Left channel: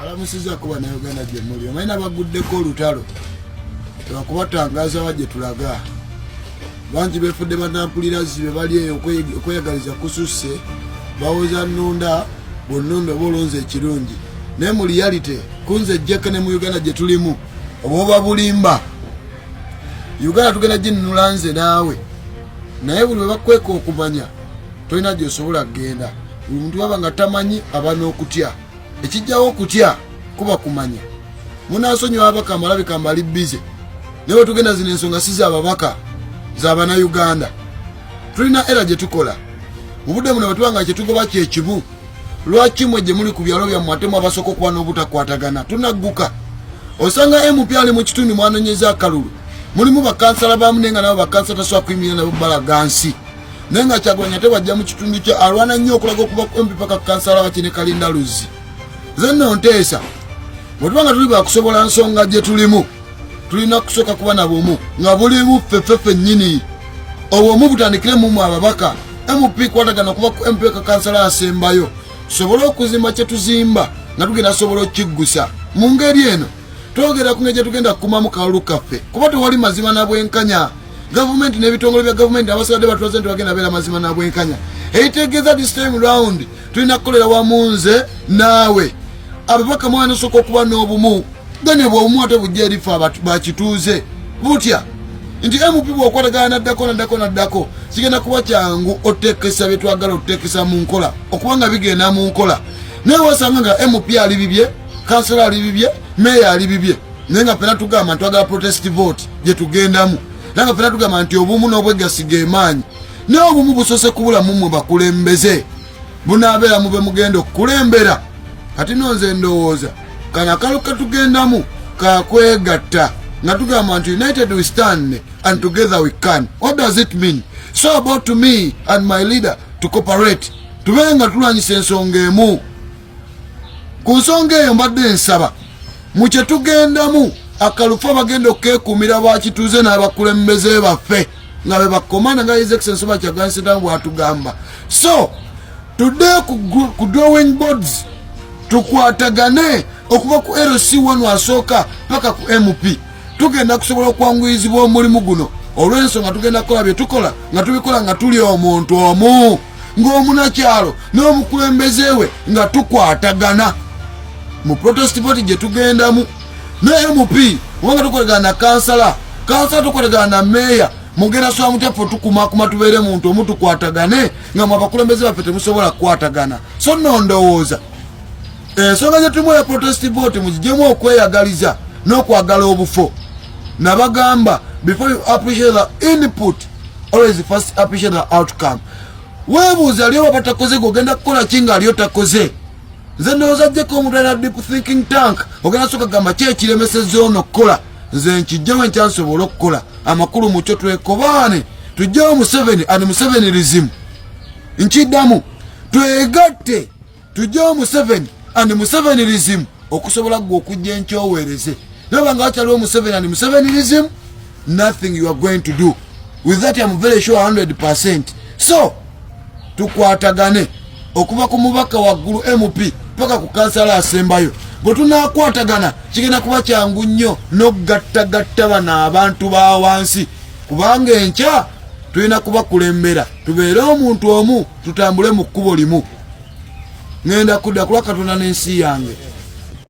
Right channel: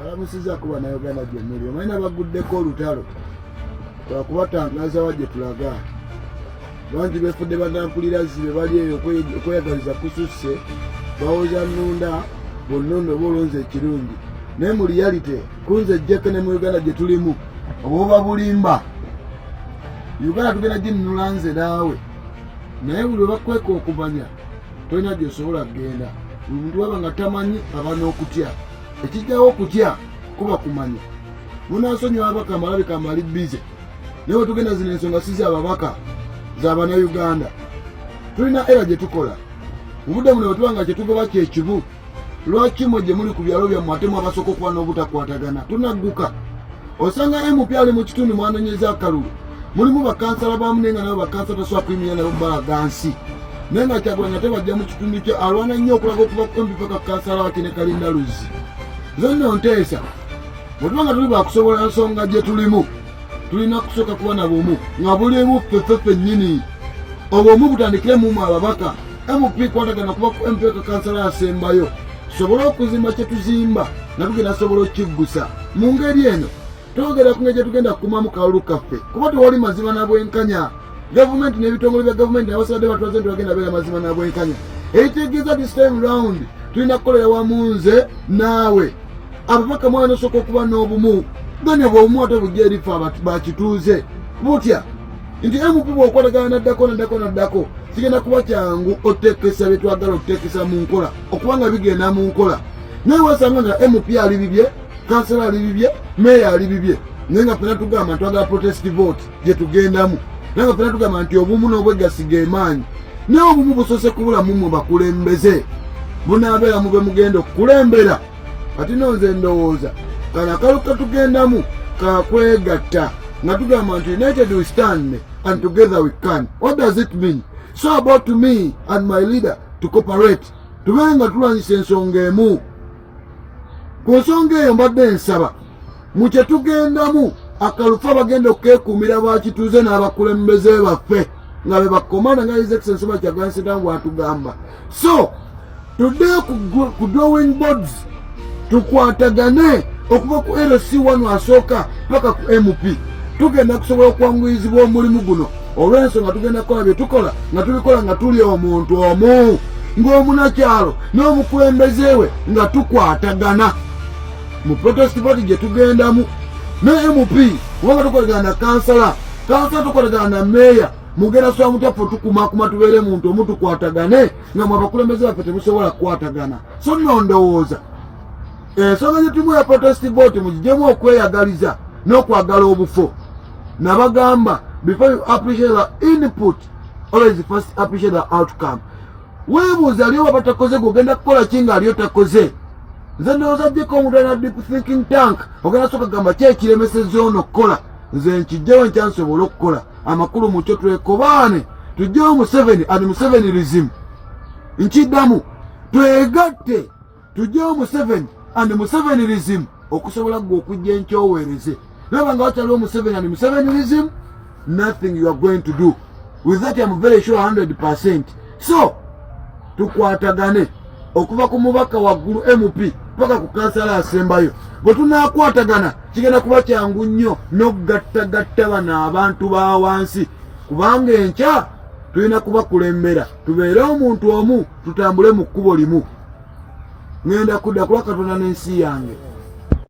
Balamusiza kuba na Uganda gye muli. Omanyi baguddeko olutalo. Twakubatangaza wajje tulaga. Bangi befudde banampulira zibe bali eyo okweyagaliza kususse. Bawoza nnunda bonnondo bolonze ekirungi. Ne mu reality kunze jjeke ne mu Uganda gye tulimu. Oboba bulimba. Uganda tugenda ginnula nze naawe. Naye buli bakweka okumanya tolina gy'osobola kgenda. Buli muntu baba nga tamanyi aba n'okutya. Ekijjawo okutya kuba kumanya. Munaasonyiwa ababaka amalabika mbali bize. Naye tugenda zino ensonga si z'ababaka z'abana Uganda. Tulina era gye tukola. Mu budde muno bwe tubanga kye tugoba kyekimu. Lwaki mwe gye muli ku byalo byammwe ate mwabasooka okuba n'obutakwatagana? Tunagguka. Osanga MP ali mu kitundu mwanonyeza akalulu. Mulimu bakansala bamu nenga nabo bakansala tasobola kuyimirira nabo balagansi. Naye nga Kyagulanyi ate bajja mu kitundu kye alwana nnyo okulaga okuba MP paka kansala wakine Kalinda Luzzi. Zenno nteesa. Bwe tubanga tuli bakusobola nsonga gye tulimu. Tulina kusooka kuba na bumu nga bulimu ffeffeffe nnyini. Obwomu butandikire mu ababaka. MP kwatagana okuba ku MP ka kansala asembayo. Sobola okuzimba kye tuzimba nga tugenda sobola okiggusa. Mu ngeri eno twogera ku ngeri tugenda kukumamu kawulu kaffe kuba tewali mazima na bwenkanya. Gavumenti n'ebitongole bya gavumenti abasadde batulaze nti bagenda beera mazima na bwenkanya. Ekitegeeza this time round tulina kukolera wamu nze naawe. Ababaka mwana sooka okuba n'obumu. Gane bw'obumu ate bujja eri ffe bakituuze. Butya nti MP bw'okwatagana naddako kigenda kuba kyangu oteekesa bye twagala oteekesa mu nkola okuba nga bigenda mu nkola. Naye wasanga nga MP ali bibye, kansala ali bibye, meya ali bibye. Naye nga ffenna tugamba nti twagala protest vote gye tugendamu. Naye nga ffenna tugamba nti obumu n'obwegassi g'emaanyi. Naye obumu busoose kubula mu mmwe bakulembeze. Bunaabeera mu be mugenda okukulembera. Kati nonze ndowooza kana akalu katugendamu kakwegatta nga tugamba nti united we stand and together we can. What does it mean? So about to me and my leader to cooperate. Tubenga tulwanyisa ensonga emu. Ku nsonga eyo mbadde nsaba mu kye tugendamu akalufa bagenda okkeekuumira bakituuze n'abakulembeze baffe nga be bakomanda nga His Excellency Kyagulanyi Ssentamu bw'atugamba. So today ku drawing boards tukwatagane okuva ku LC1 asooka paka ku MP. Tugenda kusobola okwanguyizibwa omulimu guno olw'ensonga tugenda kukola bye tukola nga tubikola nga tuli omuntu omu ng'omunakyalo n'omukulembeze we nga tukwatagana mu protest vote gye tugendamu. Ne MP kubanga tukolagana na kansala tukolagana na meya mugenda soba mutaffe tukumakuma tubeere muntu omu tukwatagane nga mwe abakulembeze baffe temusobola kukwatagana. So nno ndowooza ensonga gye tulimu ya protest vote mugijemu okweyagaliza n'okwagala obufo. Nabagamba before you appreciate the input always first appreciate the outcome. Weebuuza aliyo waba takoze gogenda kukola kinga aliyo takoze. Nze ndowooza ajjeko omuntu alina deep thinking tank ogenda sooka gamba ki ekiremesezza ono okukola. Nze nkijjawo enkyansobola okukola amakulu mu kyo twekobaane tujjawo Museveni and Musevenirism. Nkiddamu twegatte tujjawo Museveni and Musevenirism okusobola gwe okujja enkyoweereze. Nabanga wakyaliwo Museveni and Musevenirism, nothing you are going to do. With that I'm very sure 100%. So tukwatagane okuva ku mubaka waggulu MP paka ku kansala asembayo. Bwe tunaakwatagana kigenda kuba kyangu nnyo n'okugattagatta bano abantu ba wansi kubanga enkya tulina kubakulembera tubeere omuntu omu tutambule mu kkubo limu. Ngenda kudda kulwa Katonda n'ensi yange.